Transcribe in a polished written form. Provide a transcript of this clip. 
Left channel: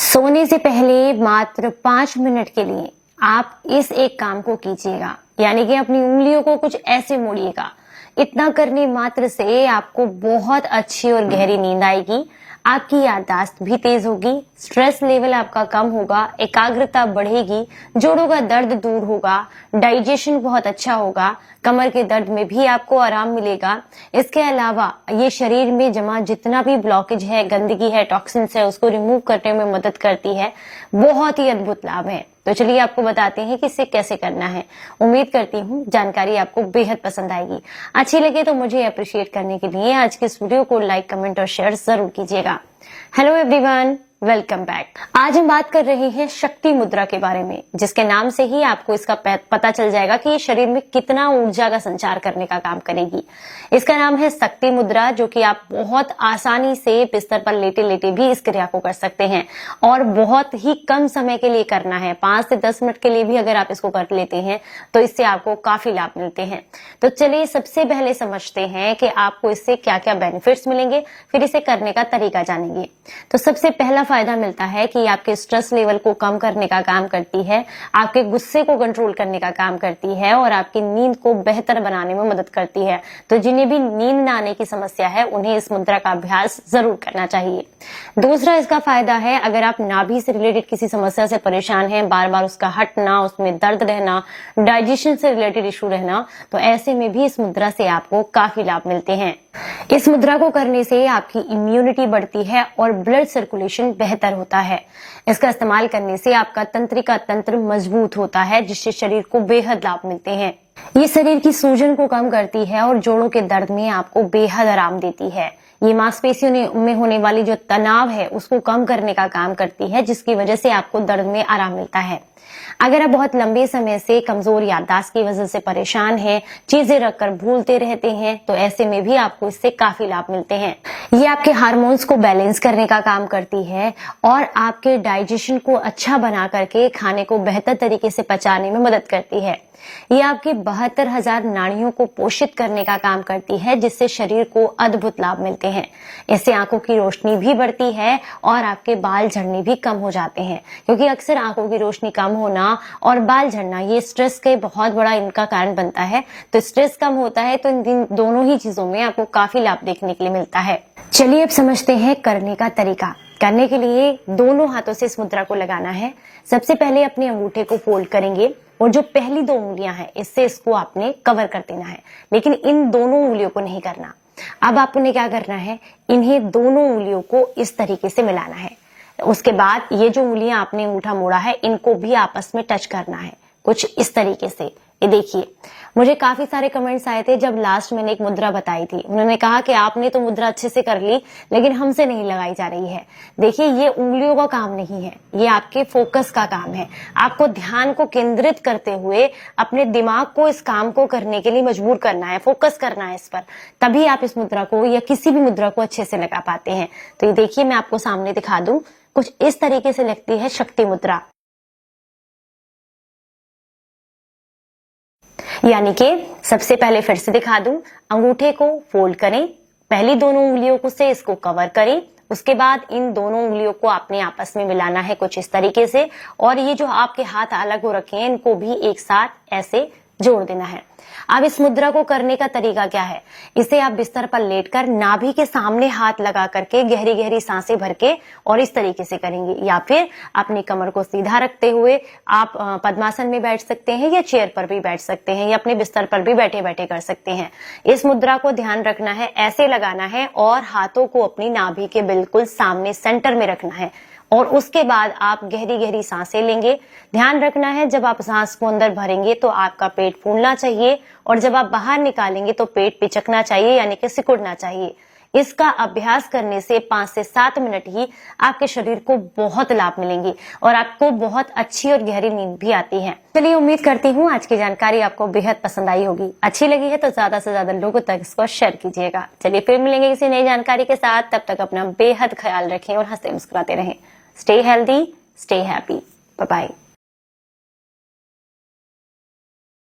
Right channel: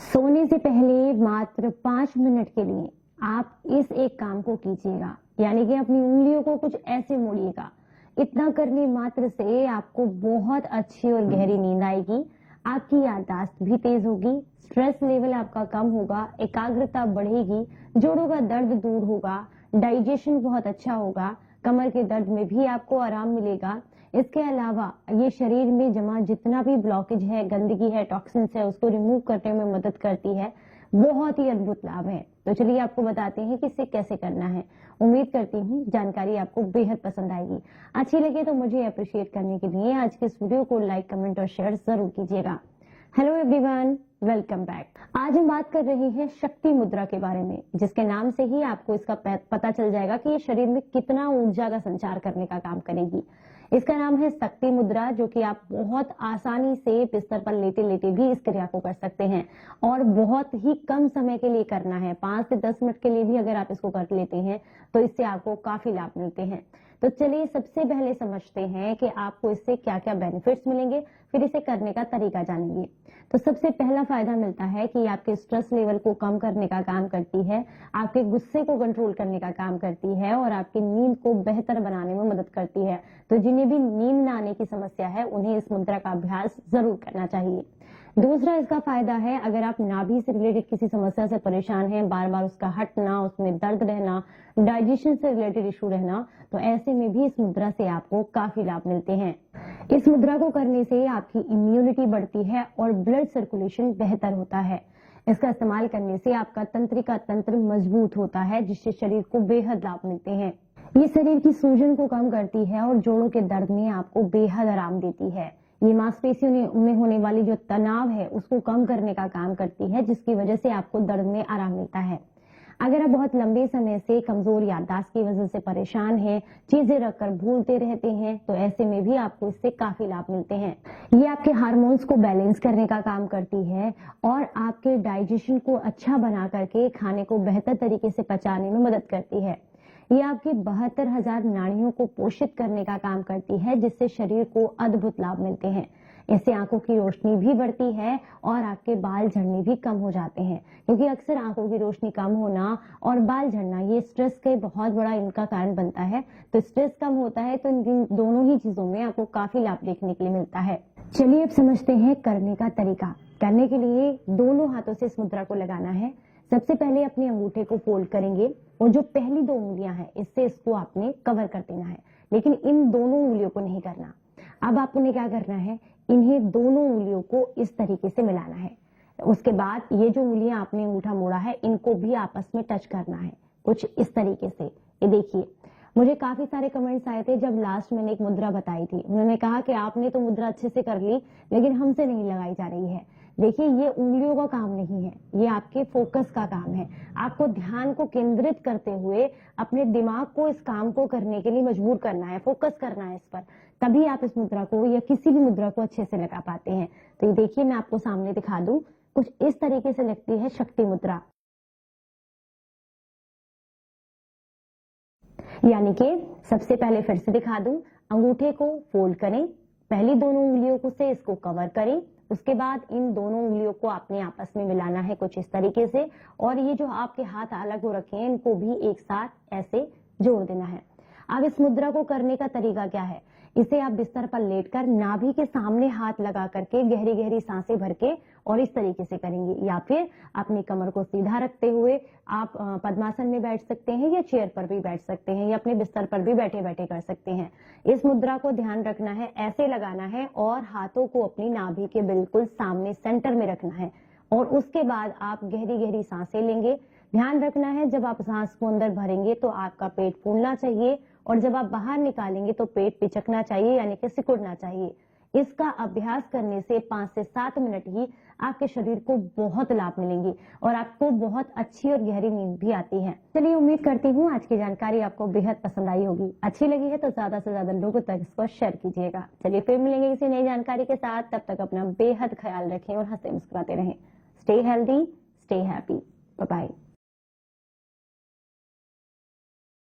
सोने से पहले मात्र 5 मिनट के लिए आप इस एक काम को कीजिएगा, यानी कि अपनी उंगलियों को कुछ ऐसे मोड़िएगा। इतना करने मात्र से आपको बहुत अच्छी और गहरी नींद आएगी, आपकी याददाश्त भी तेज होगी, स्ट्रेस लेवल आपका कम होगा, एकाग्रता बढ़ेगी, जोड़ों का दर्द दूर होगा, डाइजेशन बहुत अच्छा होगा, कमर के दर्द में भी आपको आराम मिलेगा। इसके अलावा ये शरीर में जमा जितना भी ब्लॉकेज है, गंदगी है, टॉक्सिन्स है, उसको रिमूव करने में मदद करती है। बहुत ही अद्भुत लाभ है। तो चलिए आपको बताते हैं कि इसे कैसे करना है। उम्मीद करती हूँ जानकारी आपको बेहद पसंद आएगी। अच्छी लगे तो मुझे अप्रिशिएट करने के लिए आज के इस वीडियो को लाइक, कमेंट और शेयर जरूर कीजिएगा। Hello everyone, welcome back. आज हम बात कर रहे हैं शक्ति मुद्रा के बारे में, जिसके नाम से ही आपको इसका पता चल जाएगा कि ये शरीर में कितना ऊर्जा का संचार करने का काम करेगी। इसका नाम है शक्ति मुद्रा, जो कि आप बहुत आसानी से बिस्तर पर लेटे लेटे भी इस क्रिया को कर सकते हैं और बहुत ही कम समय के लिए करना है। 5 से 10 मिनट के लिए भी अगर आप इसको कर लेते हैं तो इससे आपको काफी लाभ मिलते हैं। तो चलिए सबसे पहले समझते हैं कि आपको इससे क्या क्या बेनिफिट्स मिलेंगे, फिर इसे करने का तरीका जानेंगे। तो सबसे पहला फायदा मिलता है कि आपके स्ट्रेस लेवल को कम करने का काम करती है, आपके गुस्से को कंट्रोल करने का काम करती है और आपकी नींद को बेहतर बनाने में मदद करती है। तो जिन्हें भी नींद न आने की समस्या है उन्हें इस मुद्रा का अभ्यास जरूर करना चाहिए। दूसरा इसका फायदा है, अगर आप नाभि से रिलेटेड किसी समस्या से परेशान हैं, बार बार उसका हटना, उसमें दर्द रहना, डाइजेशन से रिलेटेड इशू रहना, तो ऐसे में भी इस मुद्रा से आपको काफी लाभ मिलते हैं। इस मुद्रा को करने से आपकी इम्यूनिटी बढ़ती है और ब्लड सर्कुलेशन बेहतर होता है। इसका इस्तेमाल करने से आपका तंत्रिका तंत्र मजबूत होता है, जिससे शरीर को बेहद लाभ मिलते हैं। ये शरीर की सूजन को कम करती है और जोड़ों के दर्द में आपको बेहद आराम देती है। ये मांसपेशियों में होने वाली जो तनाव है उसको कम करने का काम करती है, जिसकी वजह से आपको दर्द में आराम मिलता है। अगर आप बहुत लंबे समय से कमजोर याददाश्त की वजह से परेशान हैं, चीजें रखकर भूलते रहते हैं, तो ऐसे में भी आपको इससे काफी लाभ मिलते हैं। ये आपके हार्मोन्स को बैलेंस करने का काम करती है और आपके डाइजेशन को अच्छा बना करके खाने को बेहतर तरीके से पचाने में मदद करती है। ये आपके 72,000 नाड़ियों को पोषित करने का काम करती है, जिससे शरीर को अद्भुत लाभ मिलते हैं। इससे आंखों की रोशनी भी बढ़ती है और आपके बाल झड़ने भी कम हो जाते हैं, क्योंकि अक्सर आंखों की रोशनी कम होना और बाल झड़ना ये स्ट्रेस के बहुत बड़ा इनका कारण बनता है। तो स्ट्रेस कम होता है तो इन दोनों ही चीजों में आपको काफी लाभ देखने के लिए मिलता है। चलिए अब समझते हैं करने का तरीका। करने के लिए दोनों हाथों से इस मुद्रा को लगाना है। सबसे पहले अपने अंगूठे को फोल्ड करेंगे और जो पहली 2 उंगलियां हैं इससे इसको आपने कवर कर देना है, लेकिन इन दोनों उंगलियों को नहीं करना। अब आपने क्या करना है, इन्हें दोनों उंगलियों को इस तरीके से मिलाना है। उसके बाद ये जो उंगलियां आपने अंगूठा मोड़ा है इनको भी आपस में टच करना है, कुछ इस तरीके से। ये देखिए, मुझे काफी सारे कमेंट्स आए थे जब लास्ट मैंने एक मुद्रा बताई थी। उन्होंने कहा कि आपने तो मुद्रा अच्छे से कर ली, लेकिन हमसे नहीं लगाई जा रही है। देखिए, ये उंगलियों का काम नहीं है, ये आपके फोकस का काम है। आपको ध्यान को केंद्रित करते हुए अपने दिमाग को इस काम को करने के लिए मजबूर करना है, फोकस करना है इस पर, तभी आप इस मुद्रा को या किसी भी मुद्रा को अच्छे से लगा पाते हैं। तो ये देखिए, मैं आपको सामने दिखा दूं, कुछ इस तरीके से लगती है शक्ति मुद्रा। यानी कि सबसे पहले फिर से दिखा दूं, अंगूठे को फोल्ड करें, पहली दोनों उंगलियों को से इसको कवर करें, उसके बाद इन दोनों उंगलियों को आपने आपस में मिलाना है कुछ इस तरीके से, और ये जो आपके हाथ अलग हो रखे हैं इनको भी एक साथ ऐसे जोड़ देना है। अब इस मुद्रा को करने का तरीका क्या है, इसे आप बिस्तर पर लेटकर नाभि के सामने हाथ लगा करके गहरी गहरी सांसें भर के और इस तरीके से करेंगे, या फिर अपनी कमर को सीधा रखते हुए आप पद्मासन में बैठ सकते हैं या चेयर पर भी बैठ सकते हैं या अपने बिस्तर पर भी बैठे बैठे कर सकते हैं। इस मुद्रा को ध्यान रखना है, ऐसे लगाना है और हाथों को अपनी नाभि के बिल्कुल सामने सेंटर में रखना है और उसके बाद आप गहरी गहरी सांसें लेंगे। ध्यान रखना है, जब आप सांस को अंदर भरेंगे तो आपका पेट फूलना चाहिए और जब आप बाहर निकालेंगे तो पेट पिचकना चाहिए, यानी कि सिकुड़ना चाहिए। इसका अभ्यास करने से 5 से 7 मिनट ही आपके शरीर को बहुत लाभ मिलेंगे और आपको बहुत अच्छी और गहरी नींद भी आती है। चलिए, उम्मीद करती हूँ आज की जानकारी आपको बेहद पसंद आई होगी। अच्छी लगी है तो ज्यादा से ज्यादा लोगों तक इसको शेयर कीजिएगा। चलिए फिर मिलेंगे किसी नई जानकारी के साथ, तब तक अपना बेहद ख्याल रखें और हंसते मुस्कुराते रहें। Stay healthy, stay happy, bye bye.